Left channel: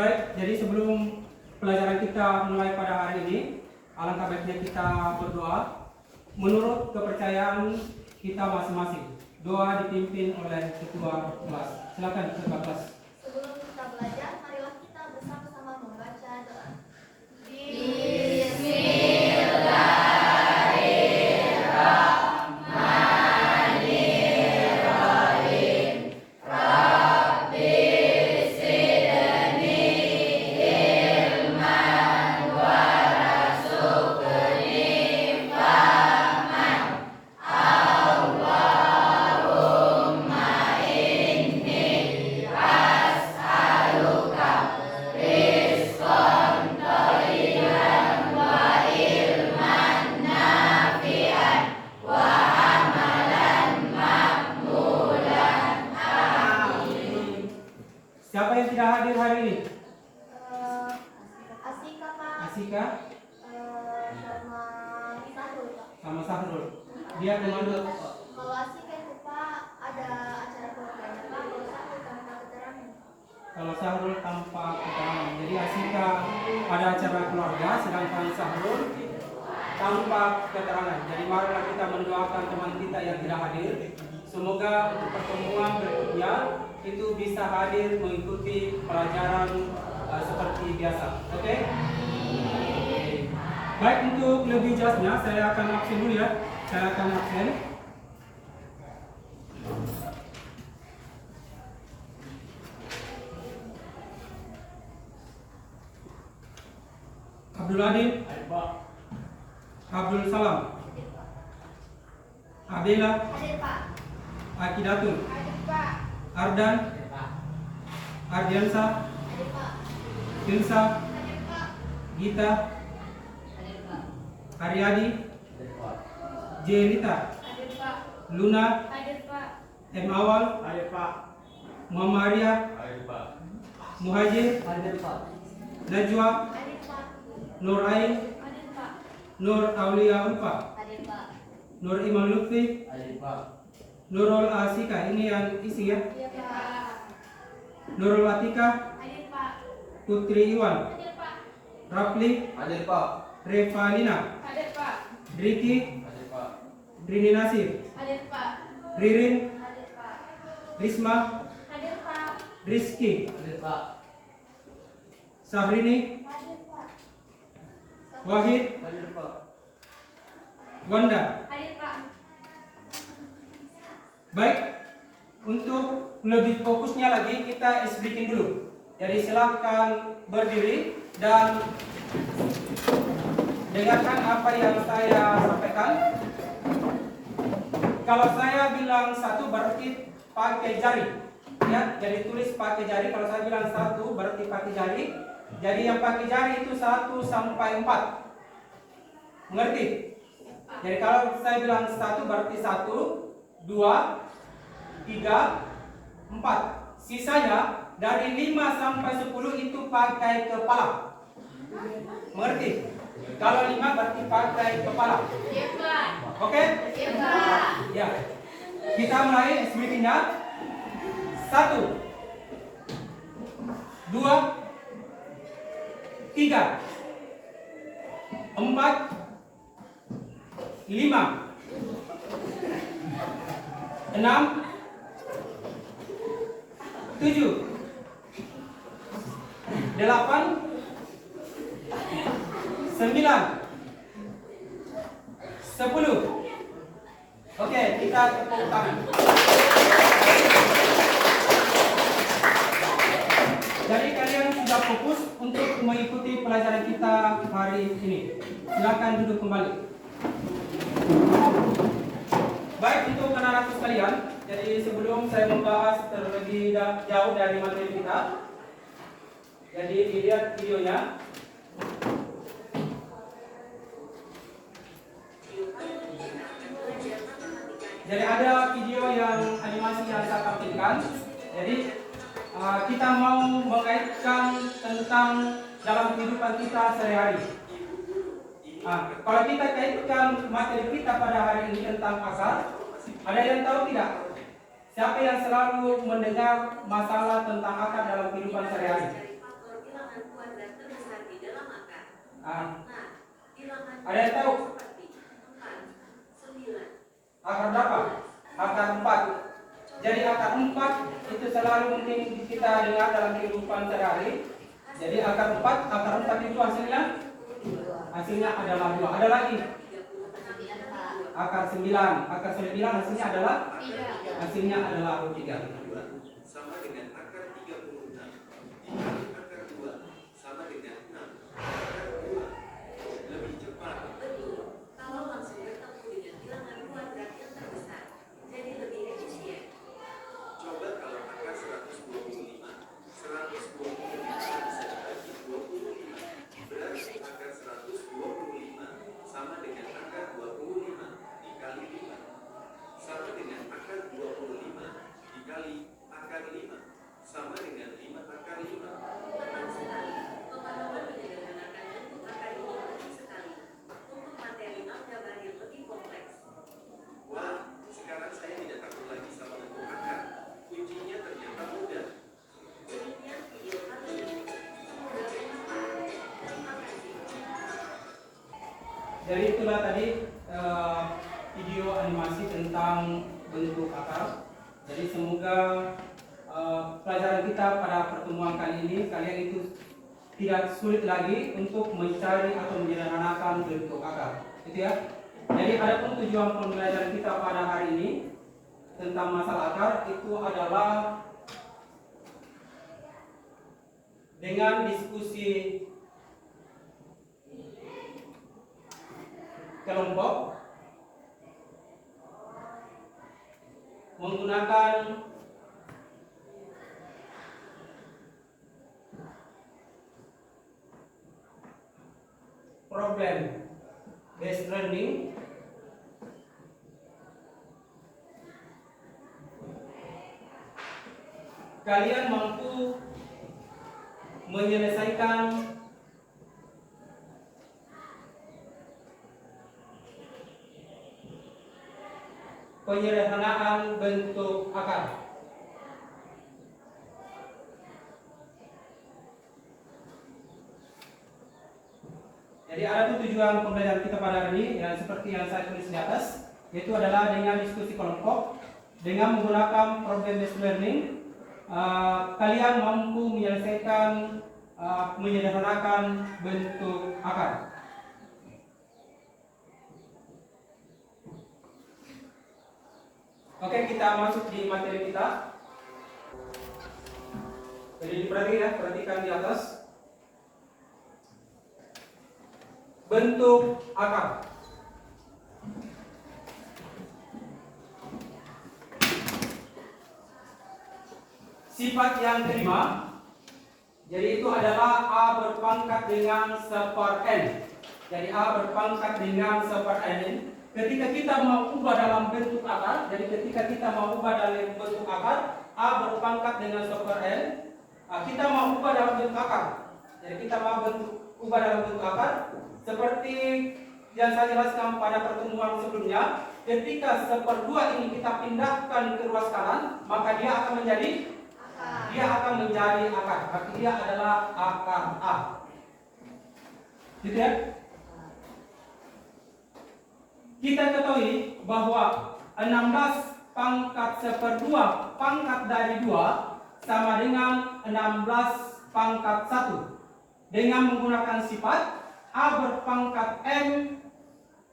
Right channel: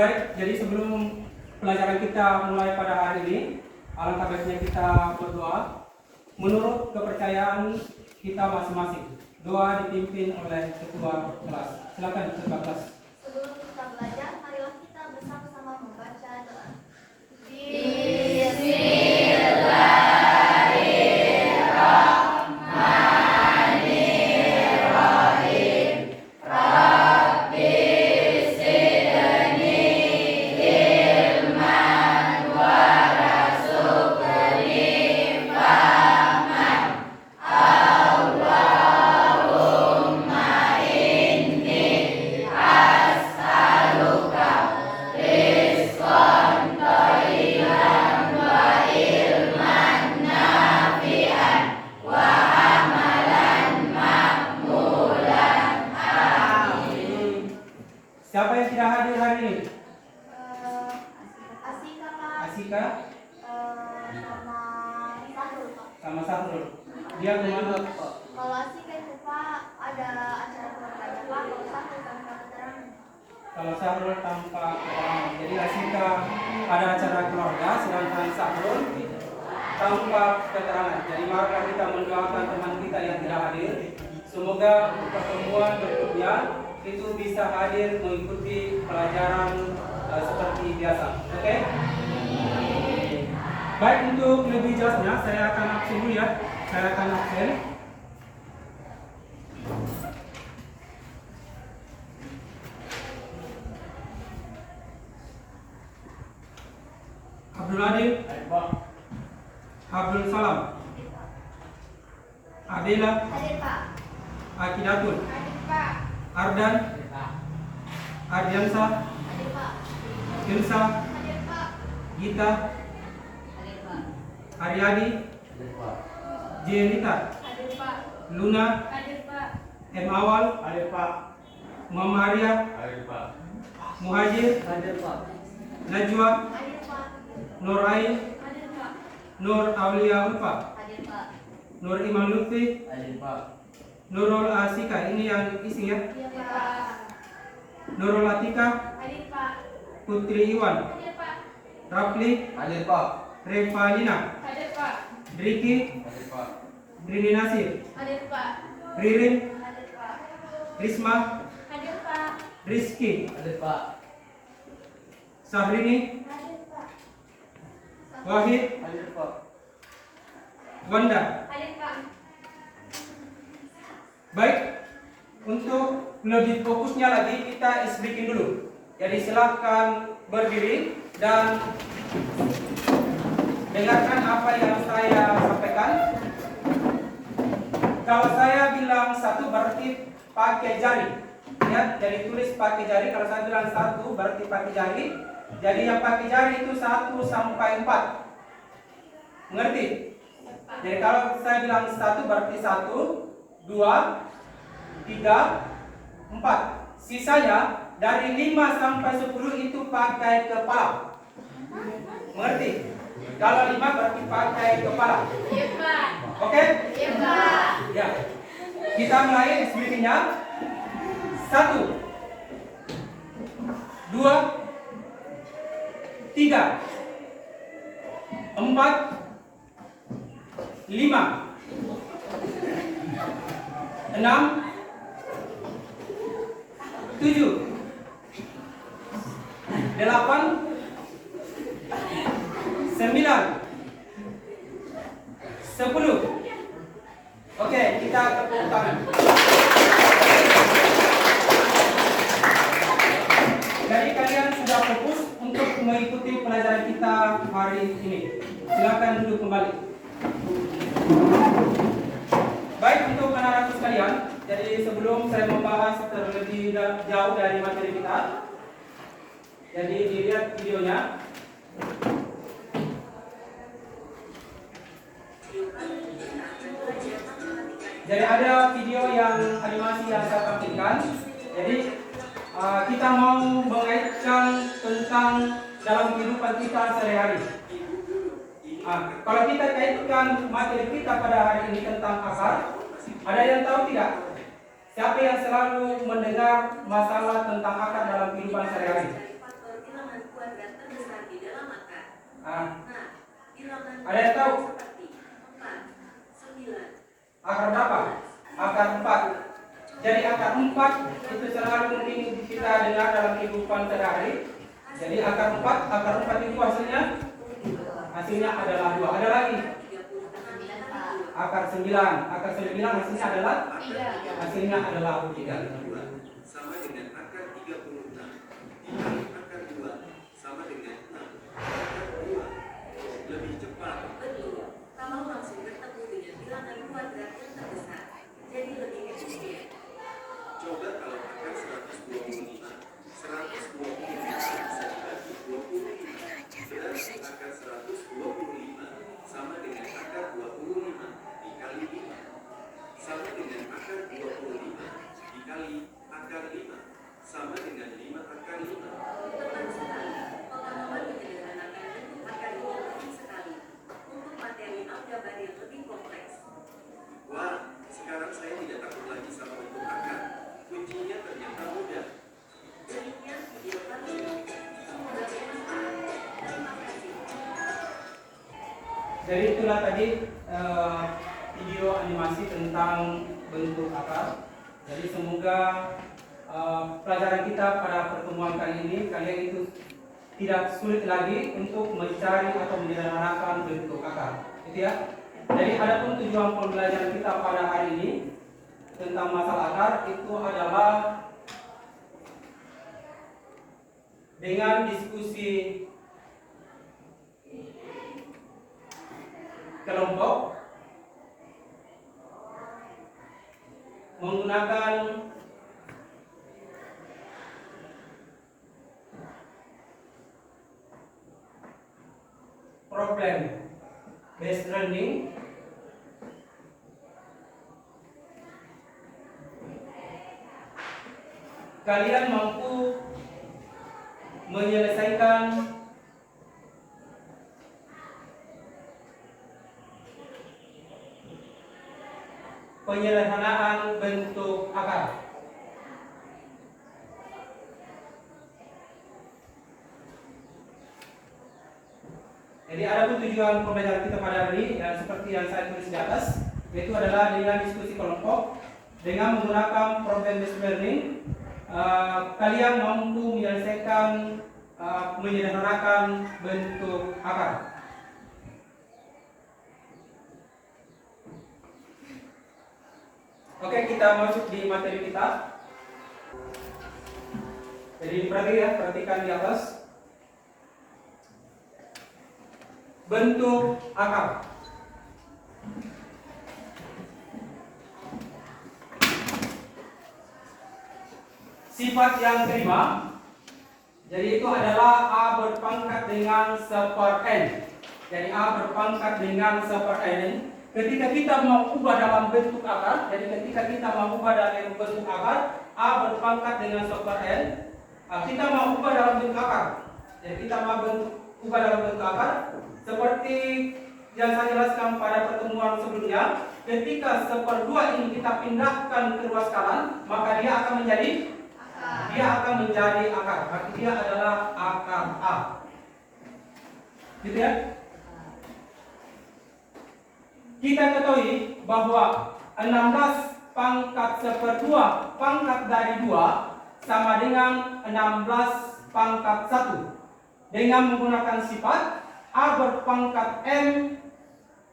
baik. Jadi sebelum pelajaran kita mulai pada hari ini, alangkah baiknya kita berdoa menurut kepercayaan kita masing-masing. Doa dipimpin oleh ketua kelas. Silakan ketua kelas. Sebelum kita belajar, marilah kita bersama-sama membaca doa. Siapa yang tidak hadir hari ini? Asika, Pak. Asika Sama Sahrul, Pak. sama Sahrul. Dia kemana? Kalau Asika itu, Pak, ada acara keluarganya, Pak. Kalau Sahrul tanpa keterangan. Kalau Sahrul tanpa keterangan. Jadi Asika ada acara keluarga, sedangkan Sahrul tanpa keterangan. Jadi marilah kita mendoakan teman kita yang tidak hadir. Semoga untuk pertemuan berikutnya itu bisa hadir mengikuti pelajaran seperti biasa. Oke? Baik, untuk lebih jelasnya saya akan absen dulu ya. Saya akan absen. Abdul Adil, Abdul Salam, Adela, Hadir, Pak. Akidatul, Hadir, Pak. Ardan, Ardiansa, Hadir, Pak. Tilsa, Hadir, Pak. Gita, Hadir, Pak. Aryadi, Jelita, Hadir, Pak. Luna, Hadir, Pak. M. Awal, Muhammad Arya, Muhajir, Najwa, Hadir, Pak. Nur Ain, Hadir, Pak. Nur Aulia Ulfa, Hadir, Pak. Nur Iman Lutfi, Nurul Asika, ini yang isi ya. Iya, Pak. Nurul Atika, Hadir, Pak. Putri Iwan, Hadir, Pak. Rafli, Revalina, Hadir, Pak. Riki, Rini Nasir, Hadir, Pak. Ririn, Hadir, Pak. Risma, Hadir, Pak. Rizky, Sabrini, Hadir, Pak. Wahid, Wanda. Hadir, Pak. Baik, untuk lebih fokusnya lagi kita speaking dulu. Jadi silahkan berdiri dan dengarkan apa yang saya sampaikan. Kalau saya bilang satu berarti pakai jari, ya. Jadi tulis pakai jari. Kalau saya bilang satu berarti pakai jari. Jadi yang pakai jari itu 1 sampai 4. Mengerti? Jadi kalau saya bilang satu berarti 1, 2, 3, 4. Sisanya dari 5 sampai 10 itu pakai kepala. Mengerti? Kalau 5 berarti pakai kepala. Iya, Pak. Oke? Iya, Pak. Ya. Kita mulai speakingnya. 1, 2, 3, 4, 5, 6, 7, 8, 9, 10. Oke, kita tepuk tangan. Jadi kalian sudah fokus untuk mengikuti pelajaran kita hari ini. Silakan duduk kembali. Baik, untuk anak-anak sekalian, jadi sebelum saya membahas terlebih jauh dari materi kita, jadi dilihat videonya. Jadi ada video yang animasi yang saya tampilkan. Jadi kita mau mengaitkan tentang dalam kehidupan kita sehari-hari. Kalau kita kaitkan materi kita pada hari ini tentang akar, ada yang tahu tidak? Siapa yang selalu mendengar masalah tentang akar dalam kehidupan sehari-hari? Ah, Nah, bilangan ada yang tahu? seperti 4, 9, Akar berapa? Akar 4. Jadi akar 4 itu selalu mungkin kita dengar dalam kehidupan sehari-hari. Jadi akar 4 itu hasilnya adalah 2. Ada lagi 36, akar 9. Akar 9 hasilnya adalah 3. Sama dengan akar 36 dikali akar 2 sama dengan 6. Akar 2 lebih cepat. betul. Kalau langsung bertemu dengan bilangan kuadrat yang terbesar, jadi lebih efisien. Coba kalau akar 125 bisa dibagi 25. Berarti akar 125 sama dengan akar 25 dikali 5 sama dengan akar 25 dikali akar 5 sama dengan 5 akar 5. Tepat sekali. Pengalaman menyederhanakan bentuk akar ini penting sekali untuk materi aljabar yang lebih kompleks. Wah, sekarang saya tidak takut lagi sama bentuk akar. Kuncinya ternyata mudah. Demikian video kali ini. Semoga bermanfaat. Terima kasih. Jadi itulah tadi video animasi tentang bentuk akar. Jadi semoga pelajaran kita pada pertemuan kali ini kalian itu tidak sulit lagi untuk mencari atau menyederhanakan bentuk akar. Itu ya. Jadi adapun tujuan pembelajaran kita pada hari ini tentang masalah akar itu adalah dengan diskusi kelompok menggunakan problem based learning kalian mampu menyelesaikan penyederhanaan bentuk akar. Jadi ada tujuan pembelajaran kita pada hari ini yang seperti yang saya tulis di atas, yaitu adalah dengan diskusi kelompok dengan menggunakan problem based learning. Kalian mampu menyelesaikan menyederhanakan bentuk akar. Oke, kita masuk di materi kita. Jadi perhatikan di atas. Bentuk akar. Sifat yang kelima. Jadi itu adalah A berpangkat dengan 1/n. Jadi A berpangkat dengan 1/n. Ketika kita mau ubah dalam bentuk akar, jadi ketika kita mau ubah dalam bentuk akar, A berpangkat dengan 1/n. Kita mau ubah dalam bentuk akar. Jadi kita mau ubah dalam bentuk akar seperti yang saya jelaskan pada pertemuan sebelumnya. Ketika 1/2 ini kita pindahkan ke ruas kanan, maka dia akan menjadi akar. Berarti dia adalah akar A. Gitu ya? Kita ketahui bahwa 16 pangkat 1/2 pangkat dari 2 sama dengan 16 pangkat 1. Dengan menggunakan sifat A berpangkat M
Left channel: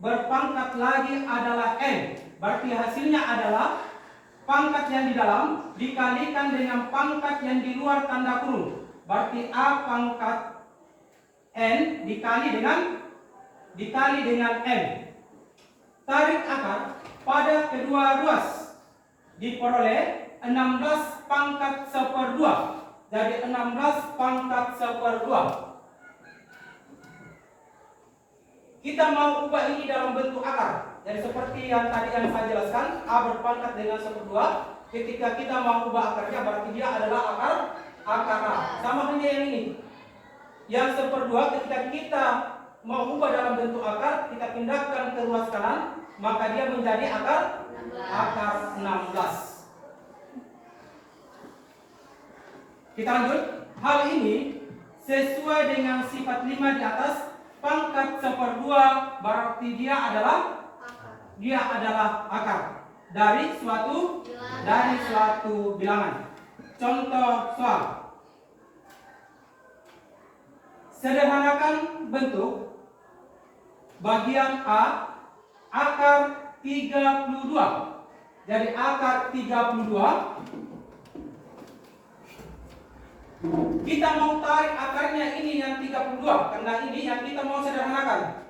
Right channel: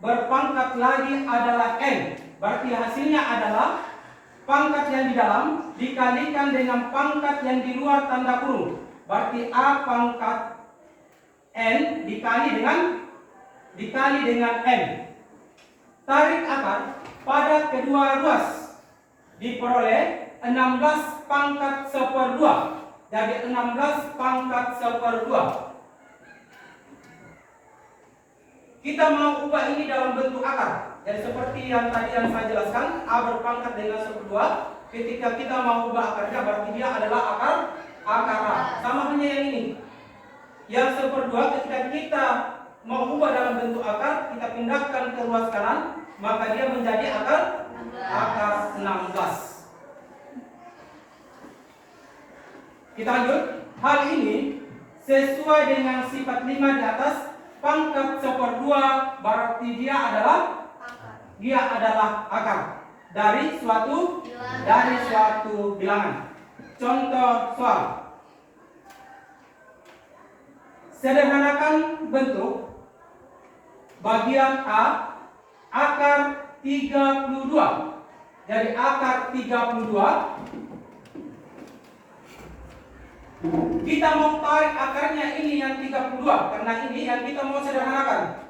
berpangkat lagi adalah N. Berarti hasilnya adalah pangkat yang di dalam dikalikan dengan pangkat yang di luar tanda kurung. Berarti A pangkat N dikali dengan M. Tarik akar pada kedua ruas diperoleh 16 pangkat 1/2. Jadi 16 pangkat 1/2. Kita mau ubah ini dalam bentuk akar. Jadi seperti yang tadi yang saya jelaskan, A berpangkat dengan 1/2. Ketika kita mau ubah akarnya, berarti dia adalah akar A. Sama halnya yang ini. Yang 1/2 ketika kita mau ubah dalam bentuk akar, kita pindahkan ke ruas kanan, maka dia menjadi akar 16. Kita lanjut. Hal ini sesuai dengan sifat 5 di atas pangkat 1/2 berarti dia adalah akar dari suatu bilangan. Contoh soal. Sederhanakan bentuk bagian A akar 32. Jadi akar 32 kita mau tarik akarnya ini yang 32 karena ini yang kita mau sederhanakan.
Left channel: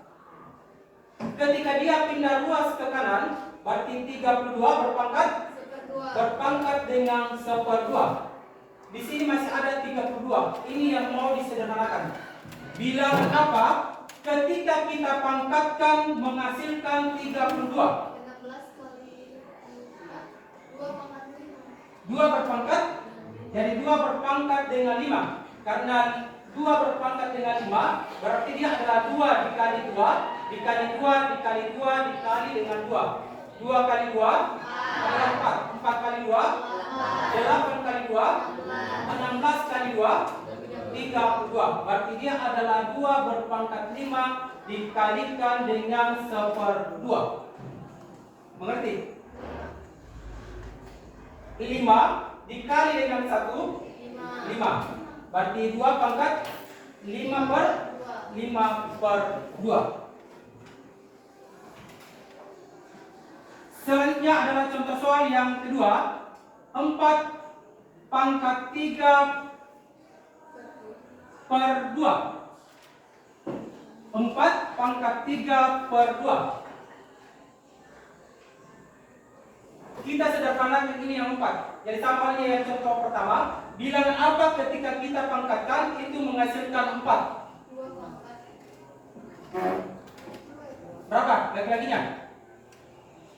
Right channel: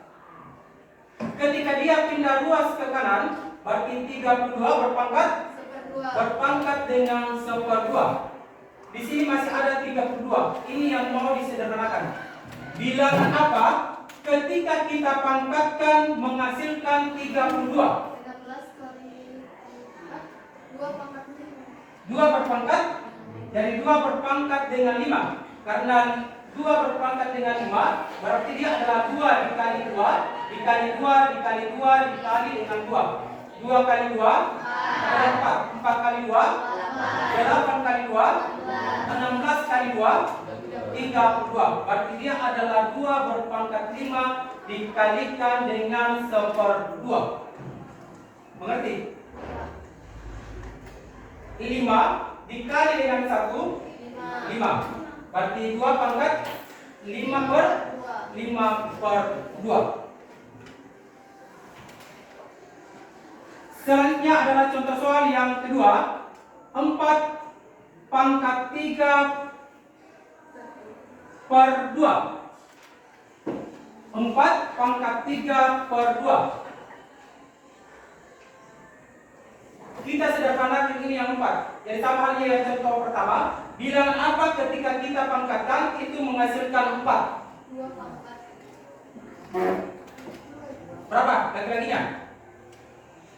Ketika dia pindah luas ke kanan, berarti 32 berpangkat dengan 1/2. Di sini masih ada 32. Ini yang mau disederhanakan. Bilangan apa ketika kita pangkatkan menghasilkan 32? 2 berpangkat. Jadi 2 berpangkat dengan 5. Karena 2 berpangkat dengan 5 berarti dia adalah 2 dikali 2 dikali 2 dikali 2 dikali dengan 2. 2 kali 2 adalah 4. 4 kali 2 8 kali 2 16 kali 2 32. Berarti dia adalah 2 berpangkat 5 dikalikan dengan 1/2. Mengerti? 5 dikali dengan 1 5. Berarti 2 pangkat 5/2. Selanjutnya adalah contoh soal yang kedua. 4 pangkat 3/2. 4 pangkat 3/2. Kita sederhanakan ini yang 4. Jadi sama halnya yang contoh pertama. Bilangan apa ketika kita pangkatkan itu menghasilkan 4? 2 pangkat. Berapa lagi-laginya?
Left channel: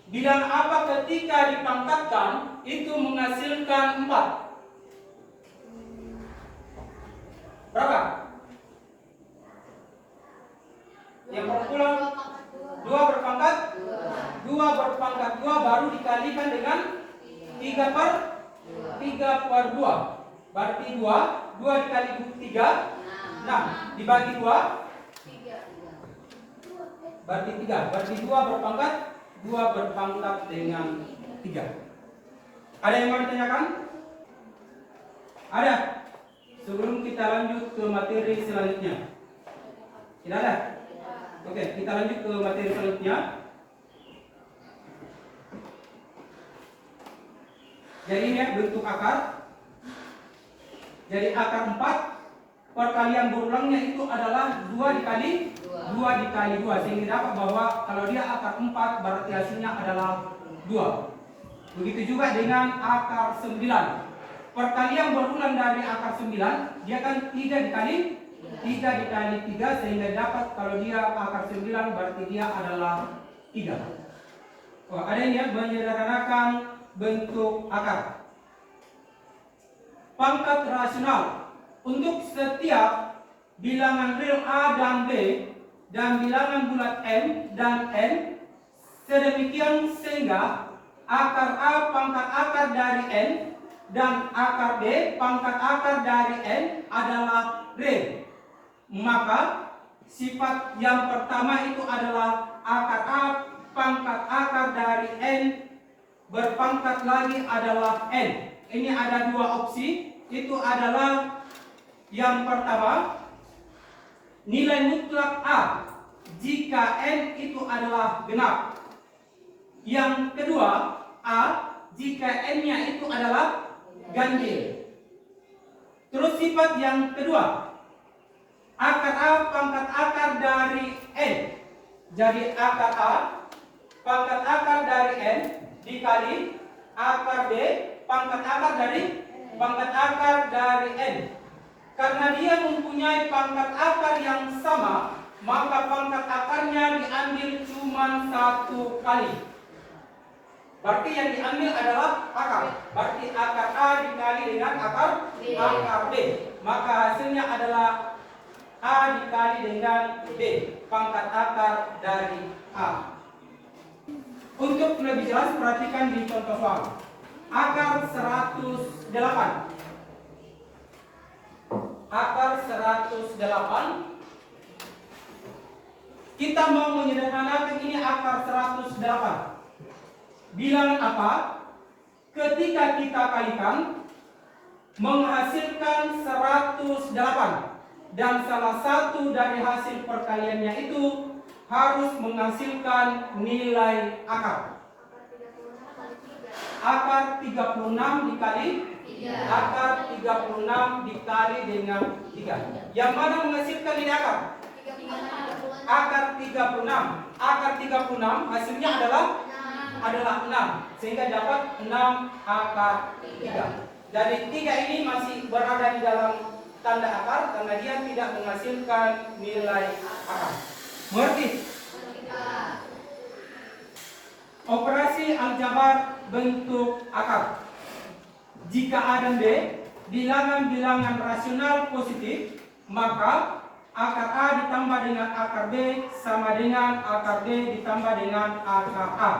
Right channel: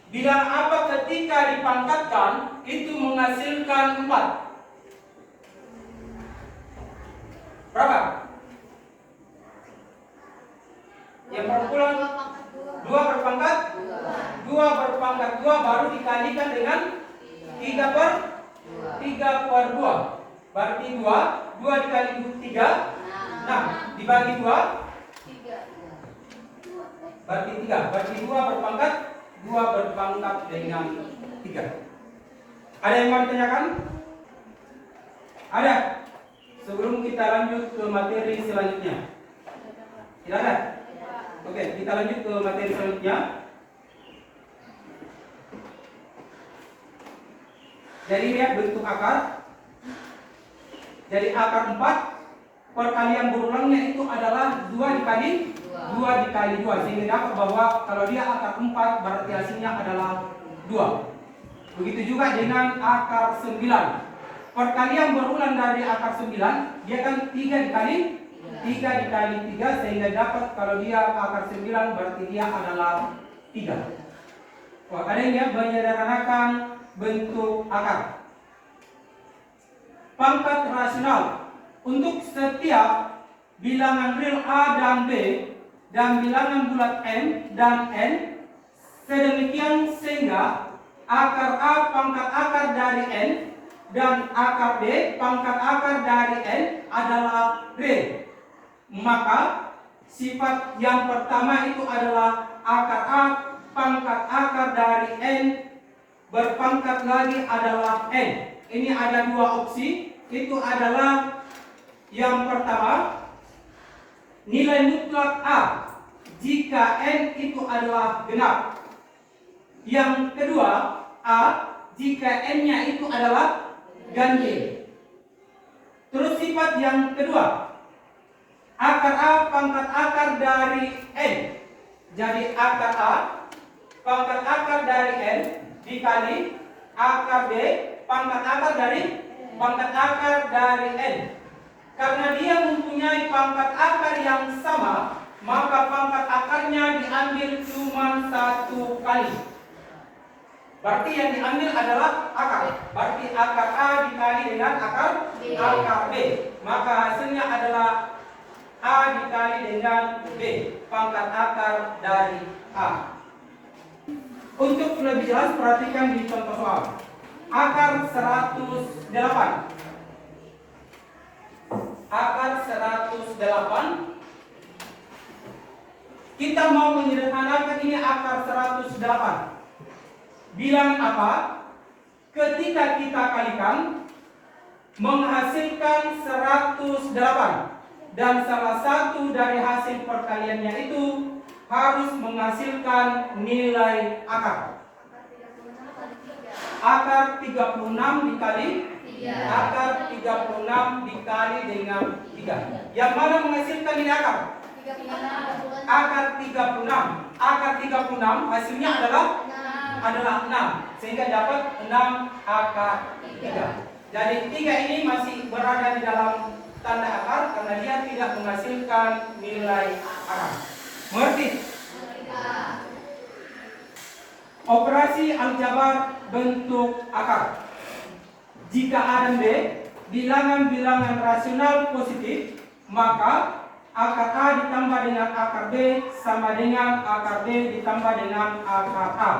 Bilangan apa ketika dipangkatkan itu menghasilkan 4? Berapa? Yang perpuluhan 2 berpangkat 2 berpangkat 2 baru dikalikan dengan 3/2. Berarti 2 dikali 3 6 dibagi 2 berarti 3. Berarti 2 berpangkat dengan 3. Ada yang mau ditanyakan? Ada? Sebelum kita lanjut ke materi selanjutnya. Tidak ada? Oke, kita lanjut ke materi selanjutnya. Jadi lihat bentuk akar. Jadi akar 4 perkalian berulangnya itu adalah 2 dikali 2 sehingga dapat bahwa kalau dia akar 4 berarti hasilnya adalah 2. Begitu juga dengan akar 9. Perkalian berulang dari akar 9 dia kan 3 dikali 3 sehingga dapat kalau dia akar 9 berarti dia adalah 3. Adanya menyederhanakan bentuk akar. Pangkat rasional untuk setiap bilangan real A dan B dan bilangan bulat M dan N sedemikian sehingga akar A pangkat akar dari N dan akar B pangkat akar dari N adalah real. Maka sifat yang pertama itu adalah akar A pangkat akar dari N berpangkat lagi adalah N. Ini ada 2 opsi. Itu adalah yang pertama nilai mutlak A jika N itu adalah genap. Yang kedua A jika N-nya itu adalah ganjil. Terus sifat yang kedua akar A pangkat akar dari N. Jadi akar A pangkat akar dari N dikali akar B pangkat akar dari N. Karena dia mempunyai pangkat akar yang sama, maka pangkat akarnya diambil cuma 1 kali. Berarti yang diambil adalah akar. Berarti akar A dikali dengan akar B. Maka hasilnya adalah A dikali dengan B, pangkat akar dari A. Untuk lebih jelas perhatikan di contoh soal. Akar 108. Akar 108 Kita mau menyederhanakan ini akar 108. Bilangan apa? Ketika kita kalikan menghasilkan 108 dan salah satu dari hasil perkaliannya itu harus menghasilkan nilai akar. Akar 36 dikali akar 36 dikali dengan 3. Yang mana menghasilkan nilai akar? Akar 36. Akar 36 hasilnya adalah 6. Sehingga dapat 6 akar 3. Jadi 3 ini masih berada di dalam tanda akar karena dia tidak menghasilkan nilai akar. Mengerti? Operasi aljabar bentuk akar. Jika A dan B bilangan-bilangan rasional positif, maka akar A ditambah dengan akar B sama dengan akar B ditambah dengan akar A.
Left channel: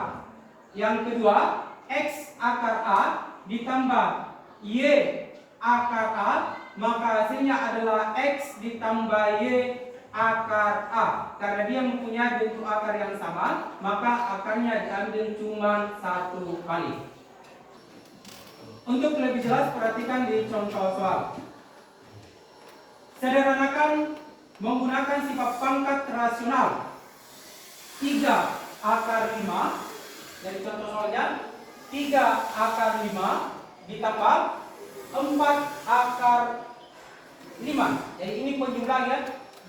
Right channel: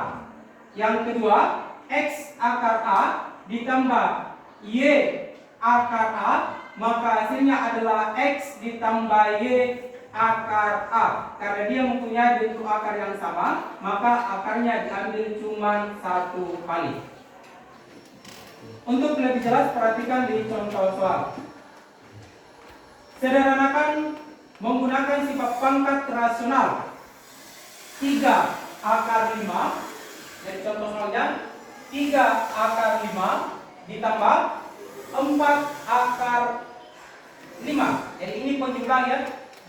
Yang kedua, X akar A ditambah Y akar A, maka hasilnya adalah X ditambah Y akar A. Karena dia mempunyai bentuk akar yang sama, maka akarnya diambil cuma 1 kali. Untuk lebih jelas, perhatikan di contoh soal. Sederhanakan menggunakan sifat pangkat rasional 3 akar 5. Jadi contoh soalnya 3 akar 5 ditambah 4 akar 5. Jadi ini penjumlah ya.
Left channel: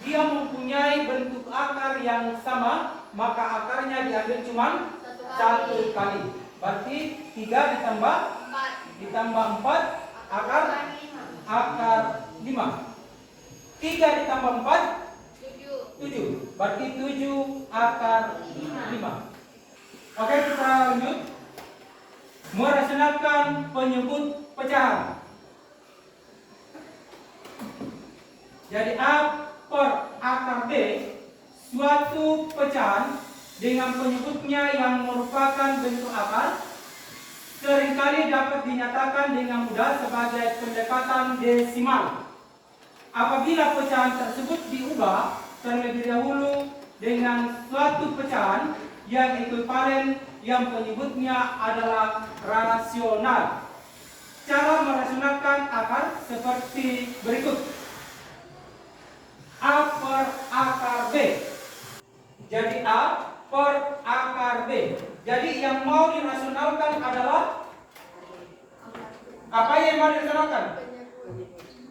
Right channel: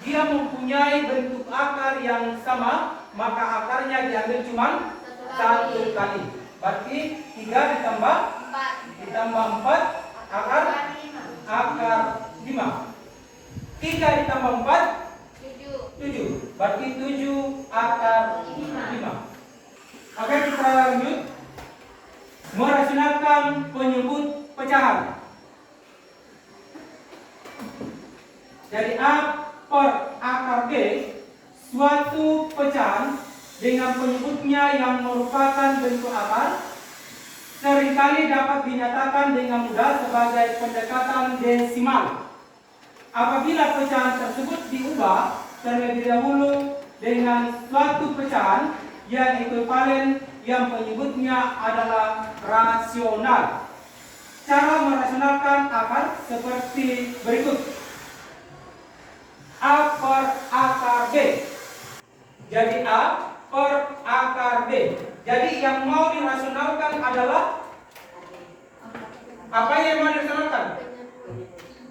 Dia mempunyai bentuk akar yang sama, maka akarnya diambil cuma 1 kali. Berarti 3 ditambah 4 akar 5. 3 ditambah 4 7. Berarti 7 akar 5. Oke, kita lanjut. Merasionalkan penyebut pecahan. Jadi A per akar B suatu pecahan dengan penyebutnya yang merupakan bentuk akar seringkali dapat dinyatakan dengan mudah sebagai pendekatan desimal. Apabila pecahan tersebut diubah terlebih dahulu dengan suatu pecahan yang ekuivalen yang penyebutnya adalah rasional. Cara merasionalkan akar seperti berikut. A per akar B. Jadi A per akar B. Jadi yang mau dirasionalkan adalah apa yang mau dirasionalkan?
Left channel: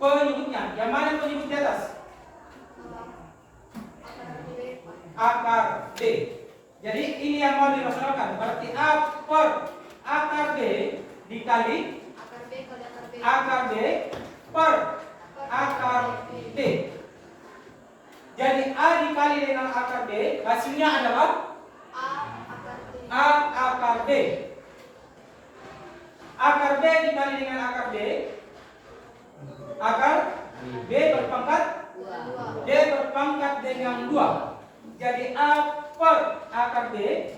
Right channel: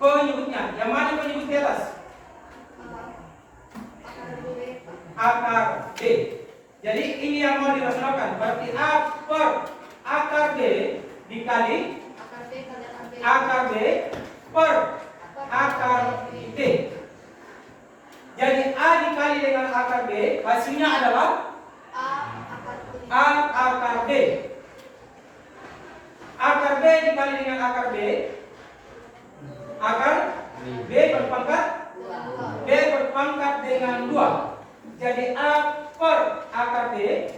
Penyebutnya. Yang mana penyebut di atas? Akar B. Jadi ini yang mau dirasionalkan. Berarti A per akar B dikali akar B per akar B. Jadi A dikali dengan akar B, hasilnya adalah A akar B. Akar B dikali dengan akar B, akar B berpangkat B berpangkat dengan 2. Jadi A per akar B,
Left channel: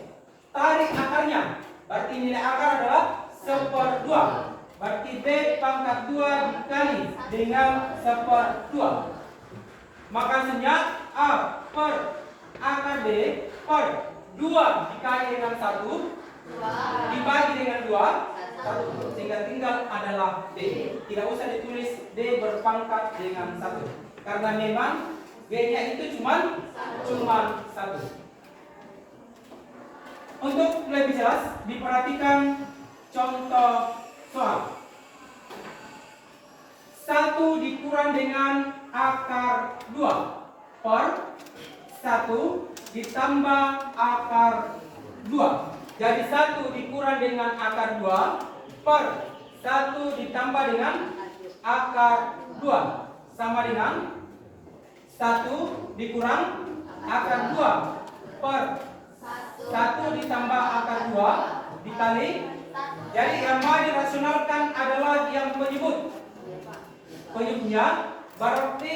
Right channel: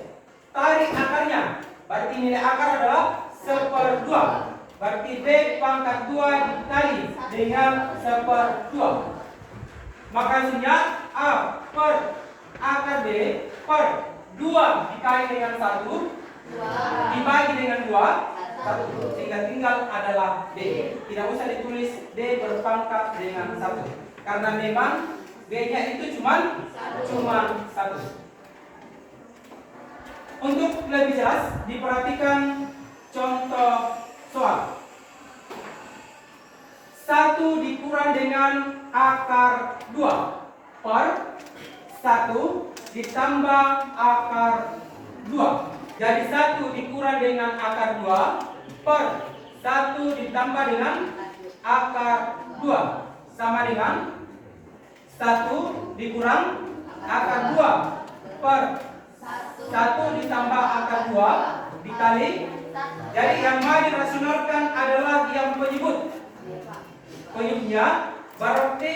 tarik akarnya. Berarti nilai akar adalah 1/2. Berarti B pangkat 2 dikali dengan 1/2. Maka hasilnya A per akar B per 2 dikali dengan 1 dibagi dengan 2 sehingga tinggal adalah D. Tidak usah ditulis D berpangkat dengan 1 karena memang B-nya itu cuma 1. Untuk lebih jelas diperhatikan contoh soal. 1 dikurang dengan akar 2 per 1 ditambah akar 2. Jadi 1 dikurang dengan akar 2 per 1 ditambah dengan akar 2 sama dengan 1 dikurang akar 2 per 1 ditambah akar 2 dikali. Jadi yang mau dirasionalkan adalah yang penyebut. Penyebutnya berarti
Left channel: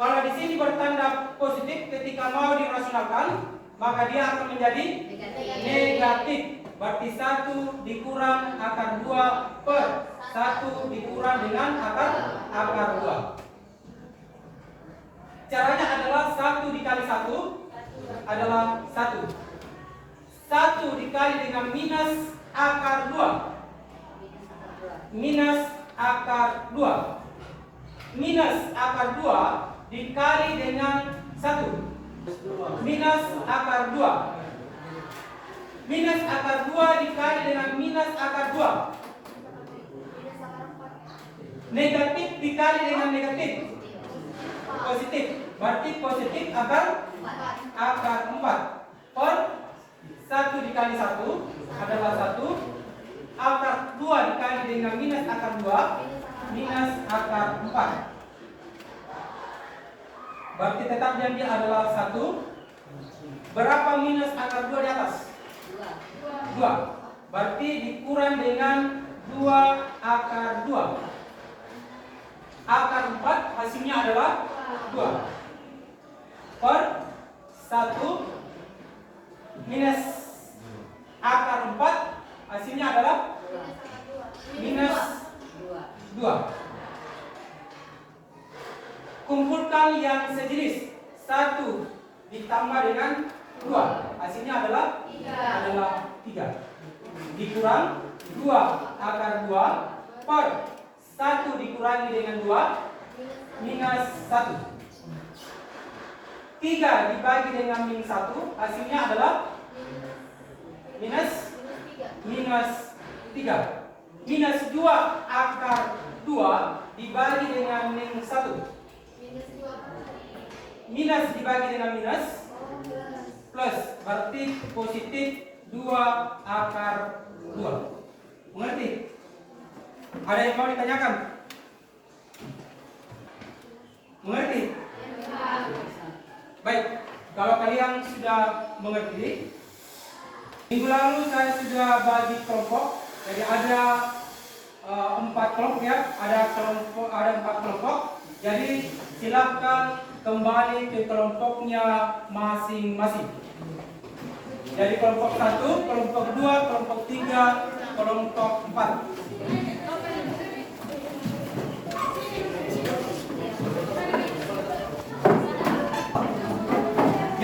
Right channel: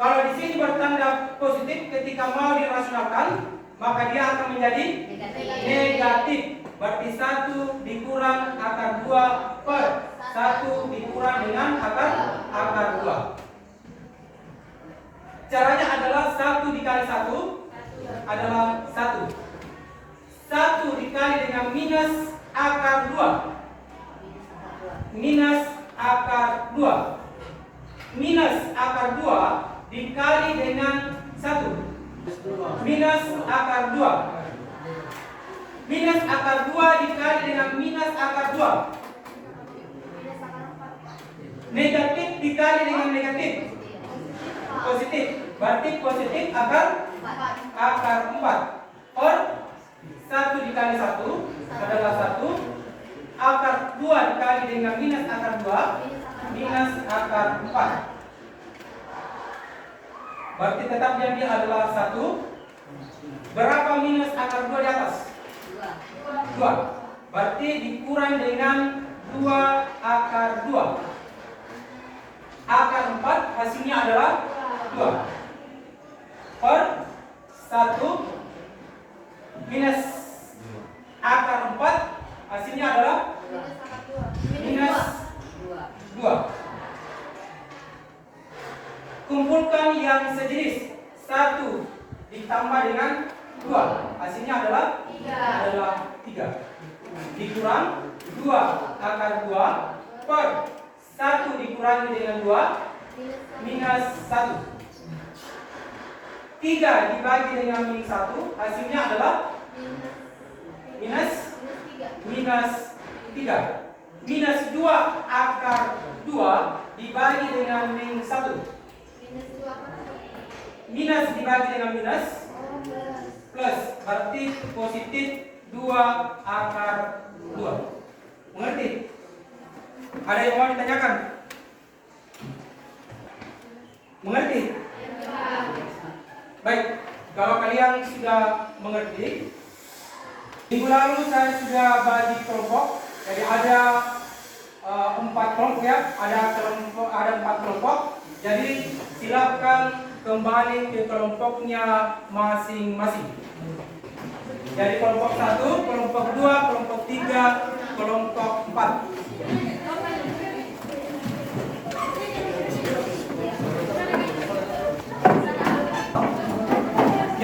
kalau di sini bertanda positif ketika mau dirasionalkan maka dia akan menjadi negatif. Berarti 1 dikurang akar 2 per 1 dikurang dengan akar 2. Caranya adalah 1 dikali 1 adalah 1. 1 dikali dengan minus akar 2. Minus akar 2. Minus akar 2 dikali dengan 1. Minus akar 2. Minus akar 2 dikali dengan minus akar 2. Negatif dikali dengan negatif. Positif. Berarti positif akar 4. Per 1 dikali 1 adalah 1. Akar 2 dikali dengan minus akar 2 minus akar 4. Berarti tetap yang dia adalah 1. Berapa minus akar 2 di atas? 2. Berarti dikurang dengan 2 akar 2. Akar 4 hasilnya adalah 2. Per 1 minus akar 4 hasilnya adalah minus 2. Kumpulkan yang sejenis. 1 ditambah dengan 2 hasilnya adalah 3. Dikurang 2 akar 2 per 1 dikurangi dengan 2 minus 1. 3 dibagi dengan minus 1 hasilnya adalah minus 3. Minus 2 akar 2 dibagi dengan minus 1. Minus dibagi dengan minus plus, berarti positif 2 akar 2. Mengerti? Ada yang mau ditanyakan? Mengerti? Baik, kalau kalian sudah mengerti, minggu lalu saya sudah bagi kelompok. Jadi ada 4 kelompok ya, ada 4 kelompok. Jadi silakan kembali ke kelompoknya masing-masing. Jadi kelompok 1, kelompok 2, kelompok 3, kelompok 4.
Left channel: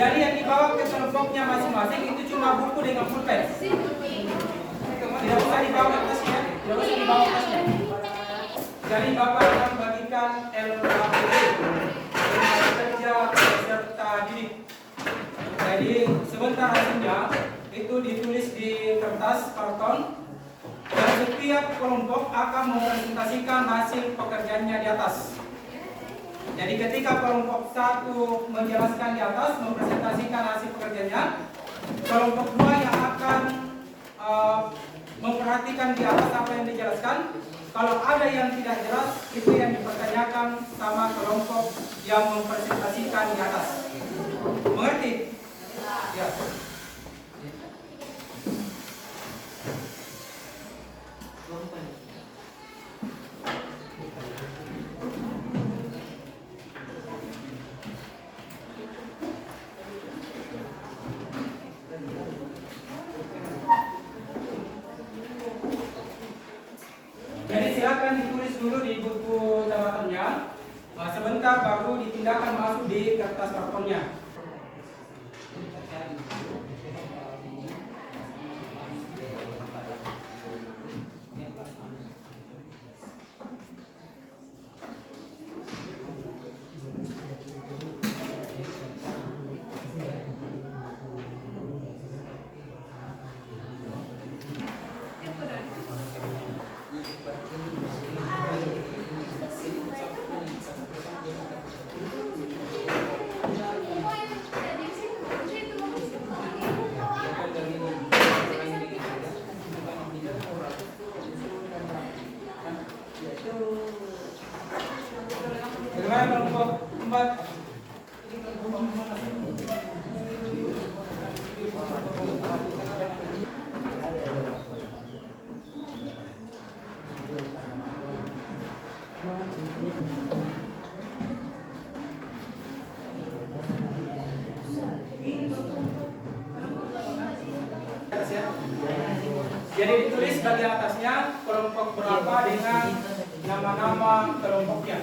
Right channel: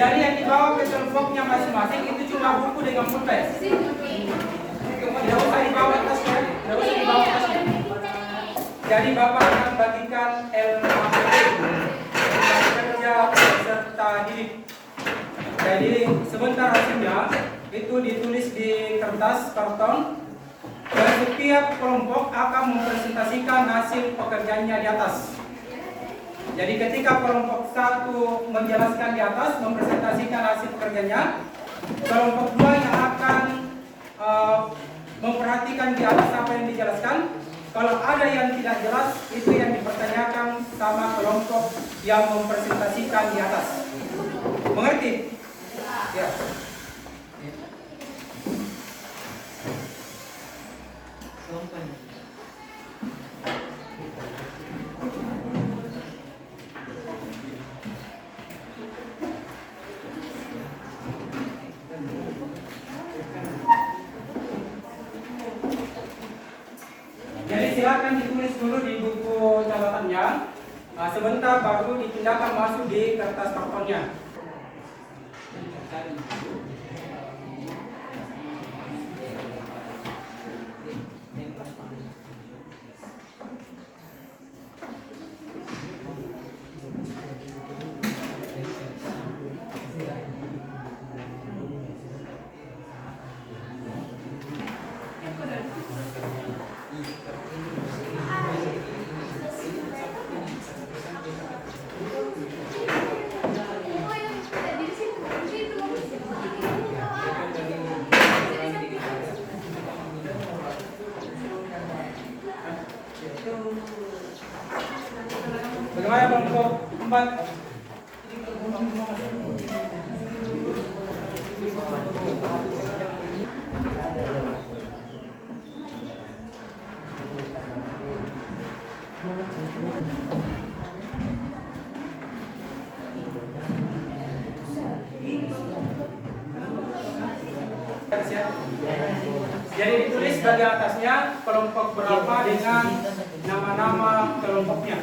Jadi yang dibawa ke kelompoknya masing-masing itu cuma buku dengan pulpen. Tidak usah dibawa tasnya, tidak usah dibawa tasnya. Jadi Bapak akan bagikan LKPD, kerja peserta didik. Jadi sebentar hasilnya itu ditulis di kertas karton dan setiap kelompok akan mempresentasikan hasil pekerjaannya di atas. Jadi ketika kelompok 1 menjelaskan di atas, mempresentasikan hasil pekerjaannya, kelompok 2 yang akan memperhatikan di atas apa yang dijelaskan. Kalau ada yang tidak jelas, itu yang dipertanyakan sama kelompok yang mempresentasikan di atas. Mengerti? Ya. Jadi silakan ditulis dulu di buku catatannya. Sebentar baru dipindahkan masuk di kertas kartonnya. Bagaimana kelompok 4? Jadi ditulis bagian atasnya kelompok berapa dengan nama-nama kelompoknya.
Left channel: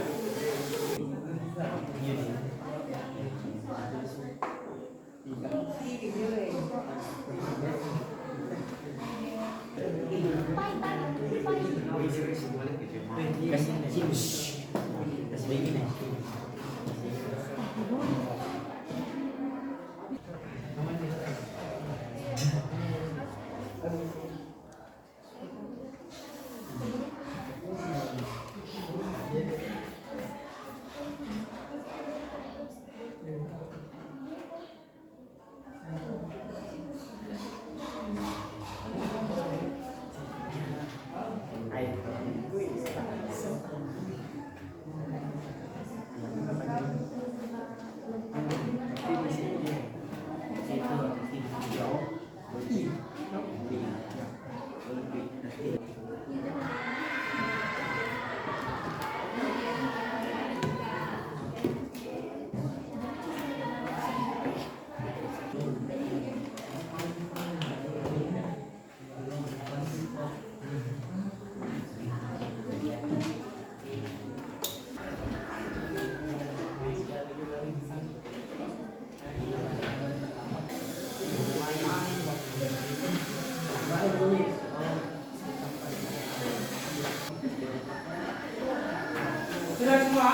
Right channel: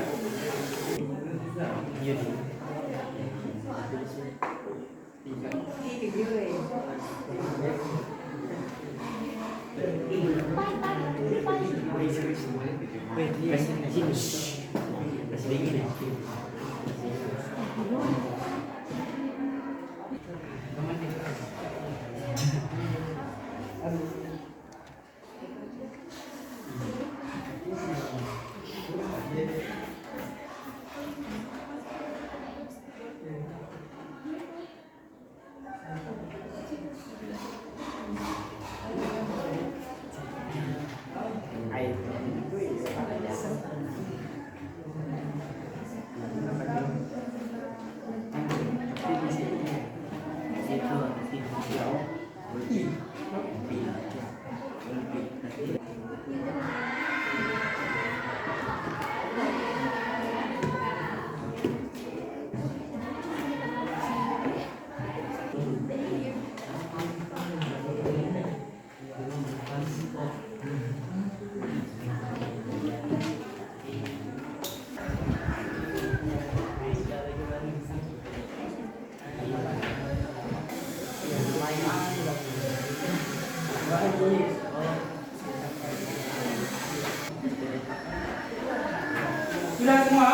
Sudah semua?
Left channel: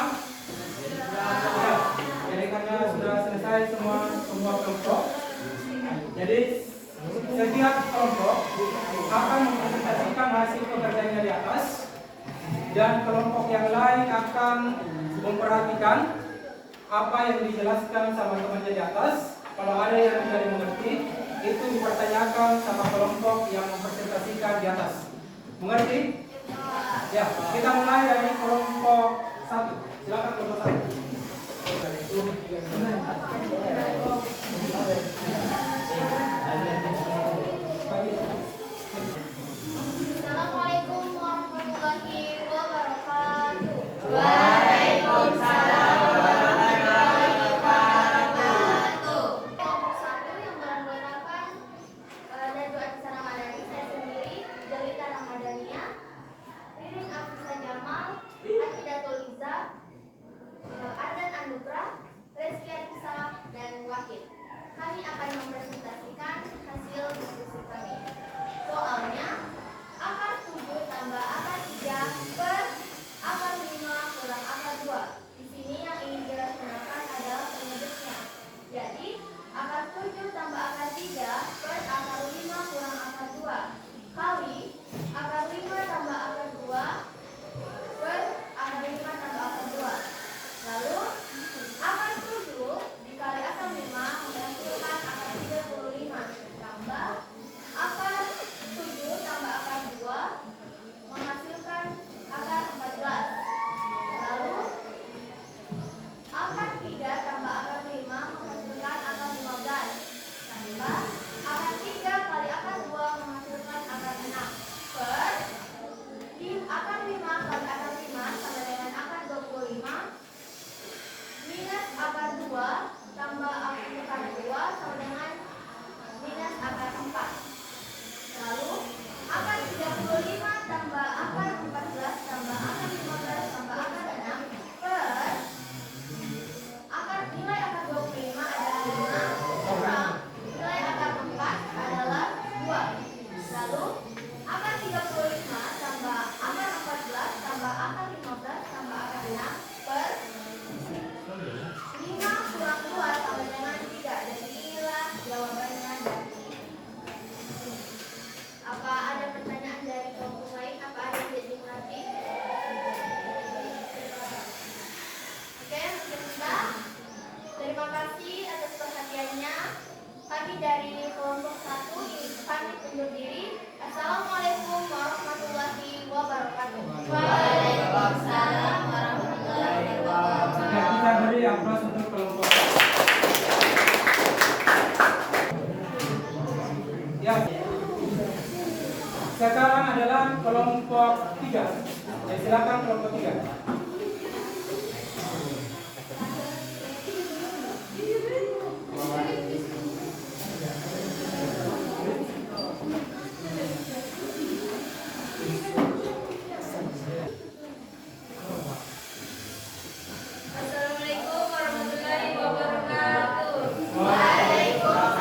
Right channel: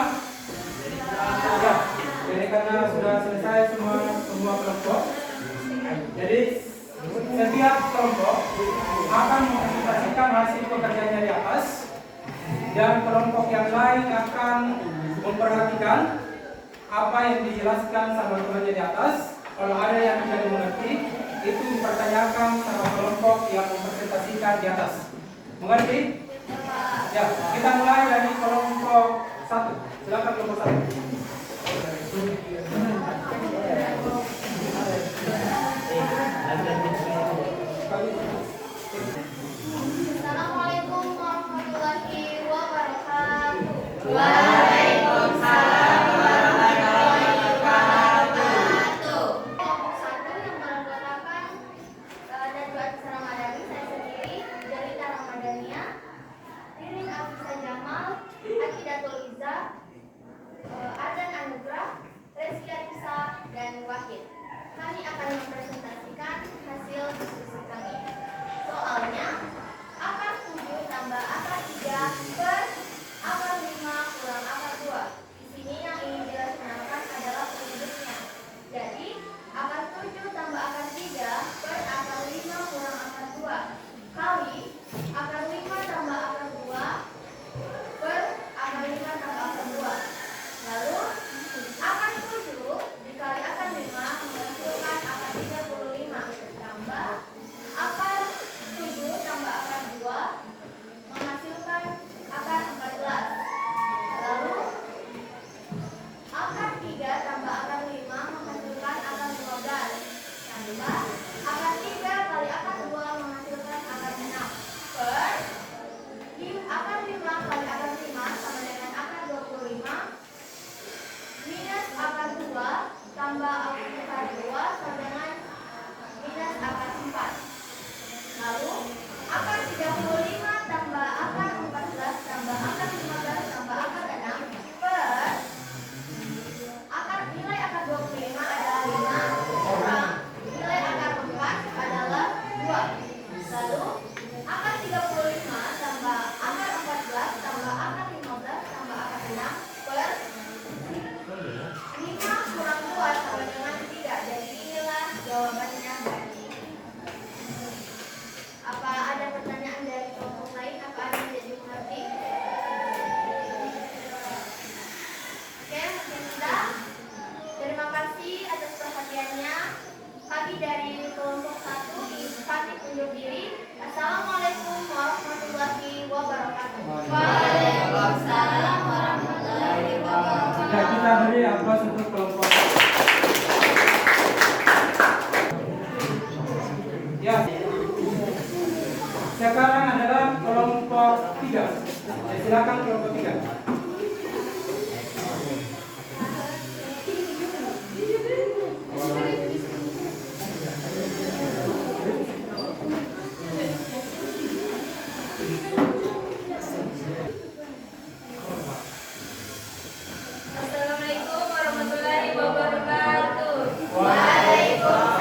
Ya. Jadi karena sudah selesai semua kelompok, jadi setiap kelompok akan mempresentasikan hasil pekerjaannya di atas, dan kelompok yang lain akan memperhatikan apa yang dijelaskan sama temannya di atas. Kalau ada yang tidak dimengerti, itu dipertanyakan sama kelompok yang mempresentasikan di atas. Mengerti? Ya, kita mulai dari kelompok 1. Silakan kelompok 1. Assalamualaikum warahmatullahi wabarakatuh. Waalaikumsalam warahmatullahi wabarakatuh. Kelompok 1 yang menggunakan Nadwa Aksara Madani, saya sendiri, Jelita Ramadhania, Rirun Afisa Jamal, Akidatul Iza, Ardan Anugrah, Reski Arisa, dan Wakil. Kami akan mempresentasikan hasil diskusi kami. Soalnya, akar 7 tambah akar 3 per akar 5 kurang akar 2. Di sini yang ingin dilaksanakan adalah penyebutnya. Jadi, akar 7 tambah akar 3 per akar 5 kurang akar 2 kali akar 5 tambah akar 2 per akar 5 tambah akar 2. Lalu, akar 7 dikali akar 5 menghasilkan akar 35 tambah akar 7 tambah akar 2 menghasilkan akar 14. Lalu, akar 3 tambah akar 5 menghasilkan akar 15 tambah akar 3 kali akar 2 menghasilkan akar 6 per akar 5 kali akar 5 sama dengan akar 25 minus akar 2 tambah akar 2 sama dengan minus akar 4. Lalu akar 35 tambah akar 14 tambah akar 15 tambah akar 6 per nilai akar 25 adalah 5 kurang nilai akar 4 adalah 2. Lalu akar 35 tambah akar 14 tambah akar 15 tambah akar 6 per 5 kurang 2 sama dengan 3. Dan inilah jawabannya dari ini. Apa ada pertanyaan dari kelompok lain? Apa ada yang tidak dimengerti? Oke, mungkin sudah. Terima kasih atas perhatiannya. Kami dari kelompok 1 ingin pamit undur diri. Assalamualaikum warahmatullahi wabarakatuh. Waalaikumsalam warahmatullahi wabarakatuh. Nah, kita beri aplaus untuk kelompok. Ya. Sekarang adalah kelompok 3. Ya, silakan kelompok 3. Assalamualaikum warahmatullahi wabarakatuh. Waalaikumsalam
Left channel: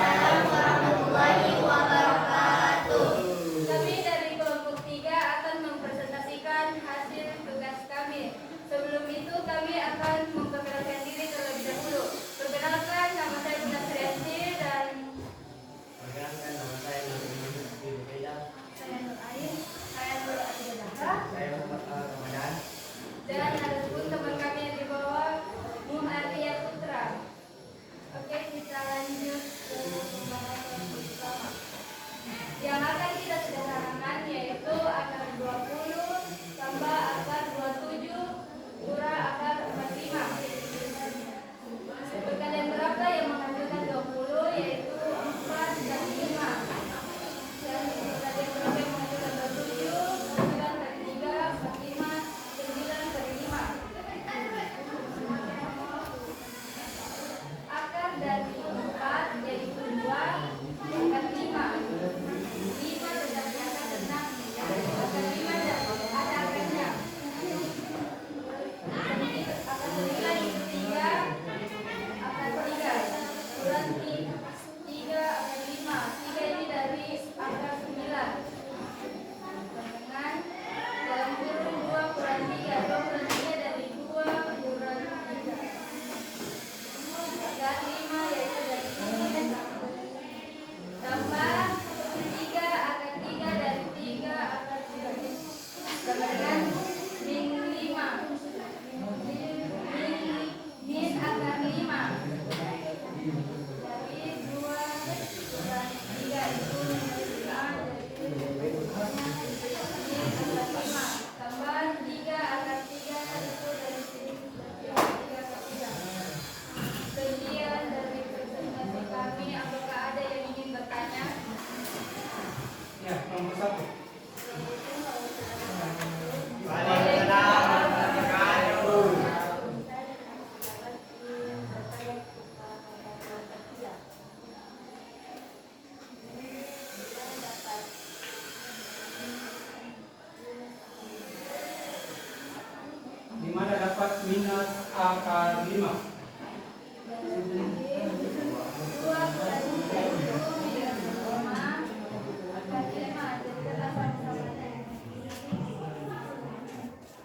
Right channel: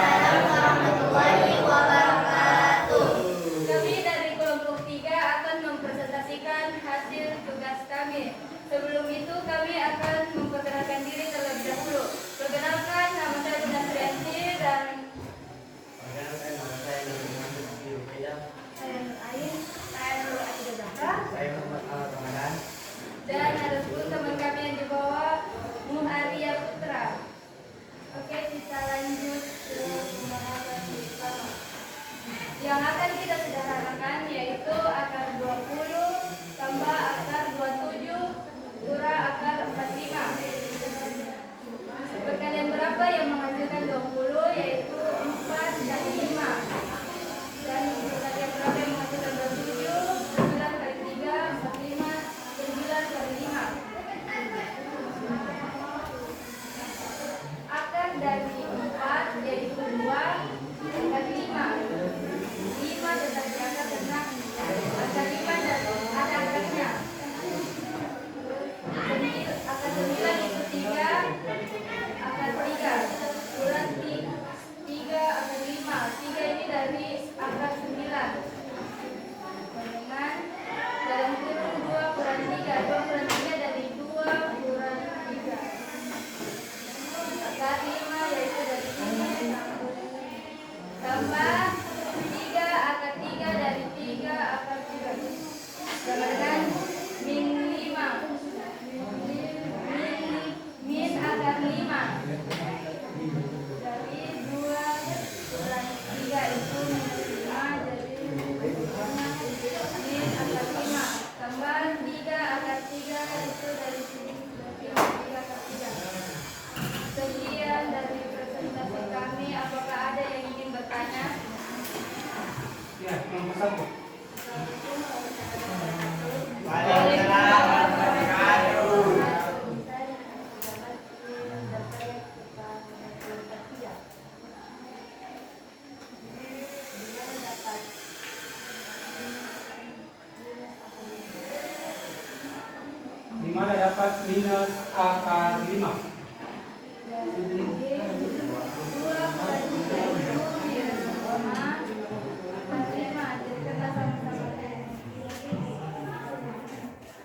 dapat minus akar 5.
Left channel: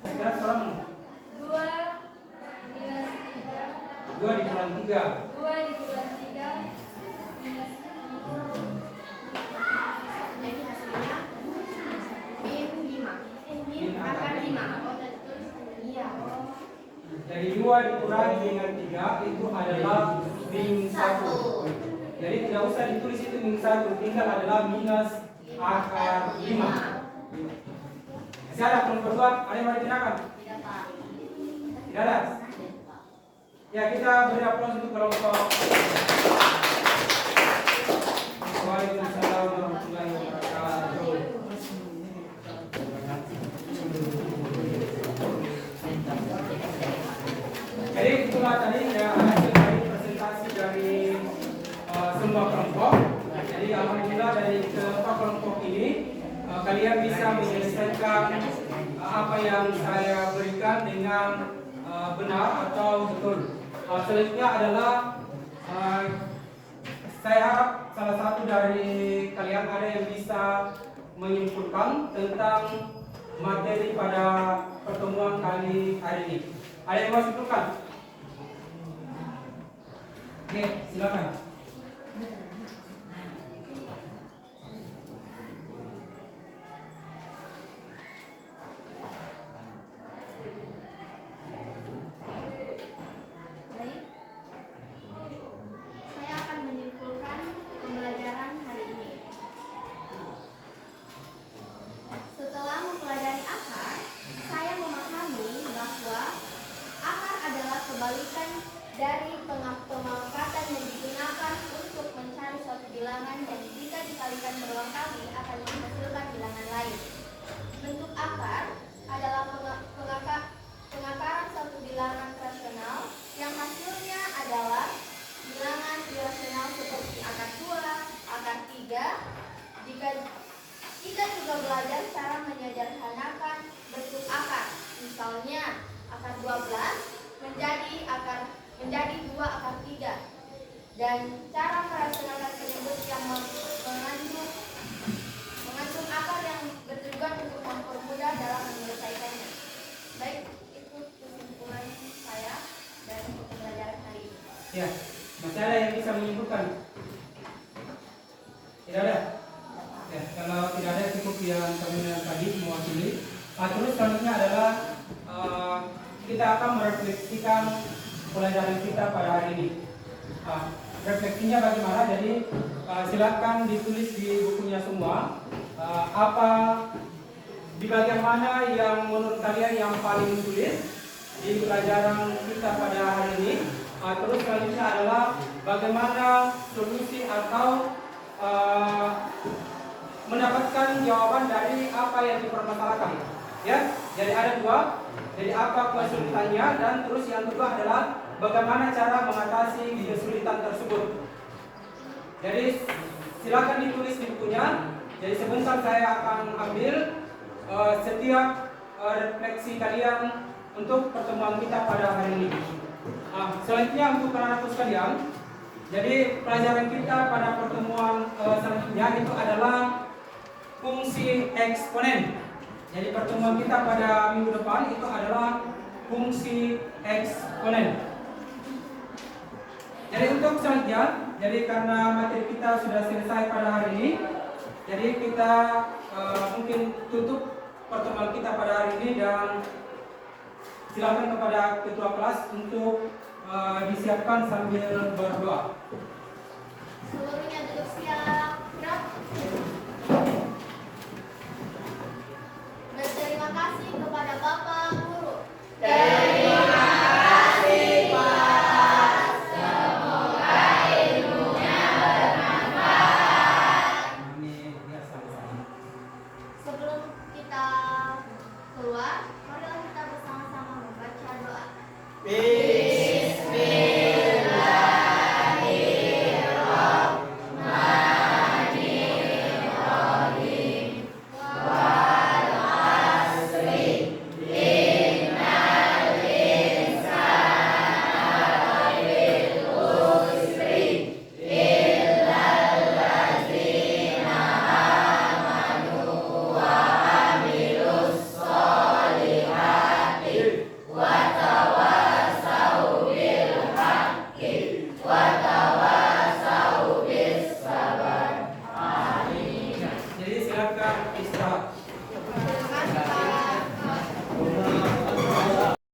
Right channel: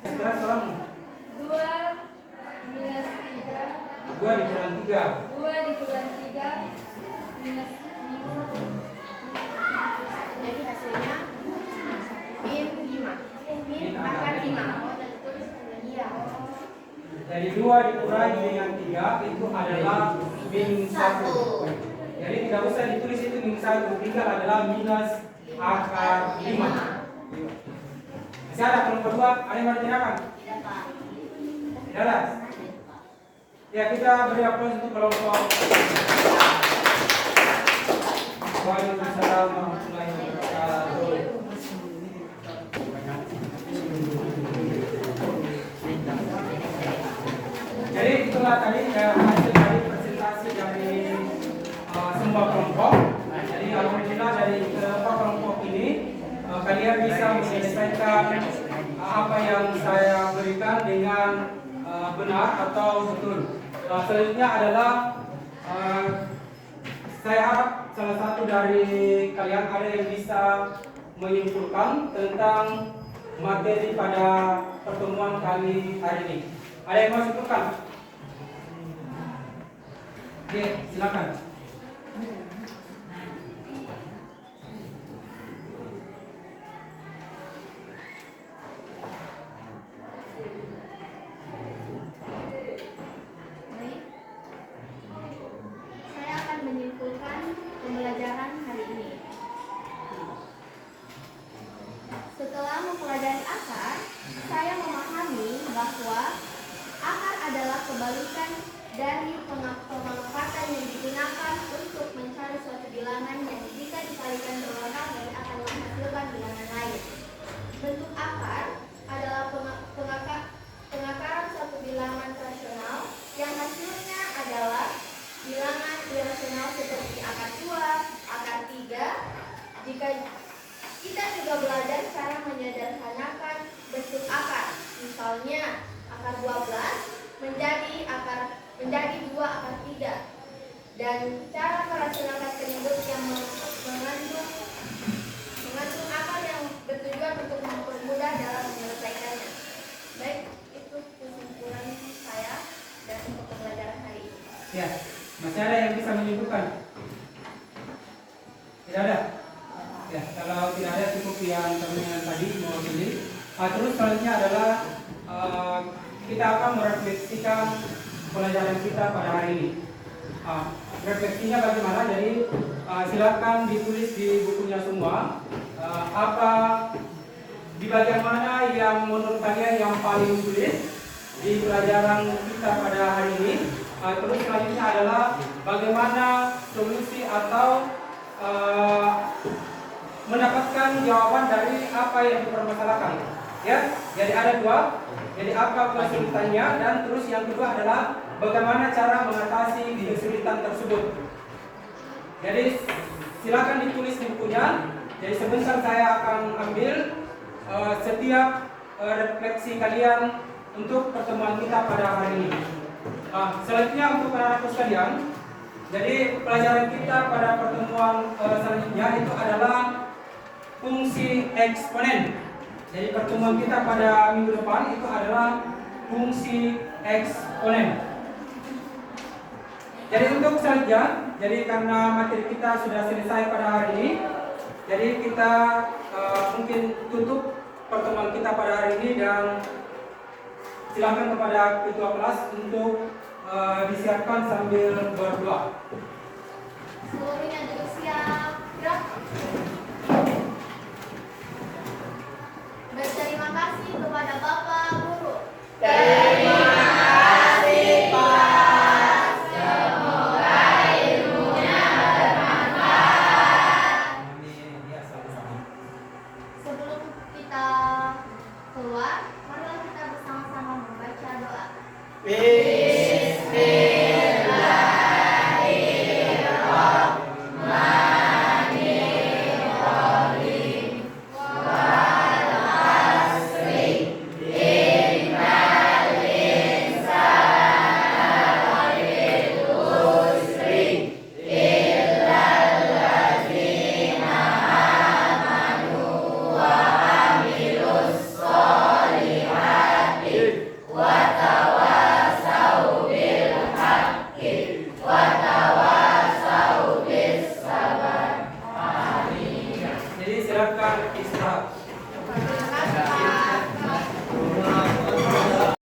Sekarang sekarang 2 dikurangi 3. Jadi hasilnya min akar 5. Iya. Dari 2 dikurangi dengan 3 itu adalah min 1. Jadi tidak usah ditulis itu min 1, tinggal adalah minus akar 5. Masih ada kelompok 2? Ada yang mau ditanyakan? Tidak ada? Ya, kita beri aplaus untuk kelompok. Waalaikumsalam warahmatullahi wabarakatuh. Jadi itulah tadi hasil dari presentasi dari semua kelompok. Jadi alhamdulillah dari kelompok ini kalian bisa menyelesaikan apa yang saya berikan dengan benar atau betul. Selanjutnya adalah saya harap salah satu dari kalian ada yang bisa menyimpulkan tentang materi pada pertemuan kali hari ini. Ada yang mau simpulkan? Oke, silakan. Baik. Saya akan menyimpulkan pembelajaran hari ini. Setelah mempelajari akar, saya memahami bahwa akar adalah kebalikan dari pengelukatan yang digunakan untuk mencari suatu bilangan yang jika dikalikan berulang kali akan menghasilkan bilangan lain. Bentuk akar adalah pengakaran suatu bilangan rasional yang hasilnya adalah bilangan irasional seperti akar 2, akar 3. Jika kita juga belajar cara menyederhanakan bentuk akar, misalnya akar 12 menjadi 2 akar 3, dan cara merasionalkan penyebut yang mengandung akar yang bertujuan untuk mempermudah dalam menyelesaikannya. Baik, itu kesimpulan saya dan untuk pembelajaran hari ini. Ya, masih ada yang bisa menyimpulkan? Tidak ada? Ya, kalau tidak ada cukup yang terminal tadi mewakili. Terus selanjutnya adalah kita akan merefleksikan pelajaran kita pada hari ini. Refleksinya bagaimana? Jadi silakan ditulis di bukunya semua apa di bagian mana yang menurut kalian yang paling sulit di pelajaran kita pada hari ini. Terus selanjutnya adalah bagaimana solusi atau mendapatkan jawaban dari apa yang dipermasalahkan. Ya, jadi ada 2. Jadi apa kesulitannya, dan terus yang kedua adalah bagaimana cara mengatasi kesulitan tersebut. Jadi silakan ditulis di bukunya. Jadi sebentar saya akan ambil setiap refleksi kalian untuk pertemuan kita pada hari ini. Selanjutnya untuk anak-anakku sekalian, jadi pelajaran kita pada pertemuan selanjutnya itu adalah fungsi eksponen. Jadi pertemuan kita pada minggu depan itu adalah fungsi eksponen. Jadi untuk selanjutnya, jadi karena materi kita sudah selesai pada hari ini, jadi kita mungkin tutup pertemuan kita pada hari ini, dan silakan kepada ketua kelas untuk disiapkan sambil berdoa. Seluruhnya duduk siap. Gerak. Berterima kasih kepada Bapak Guru.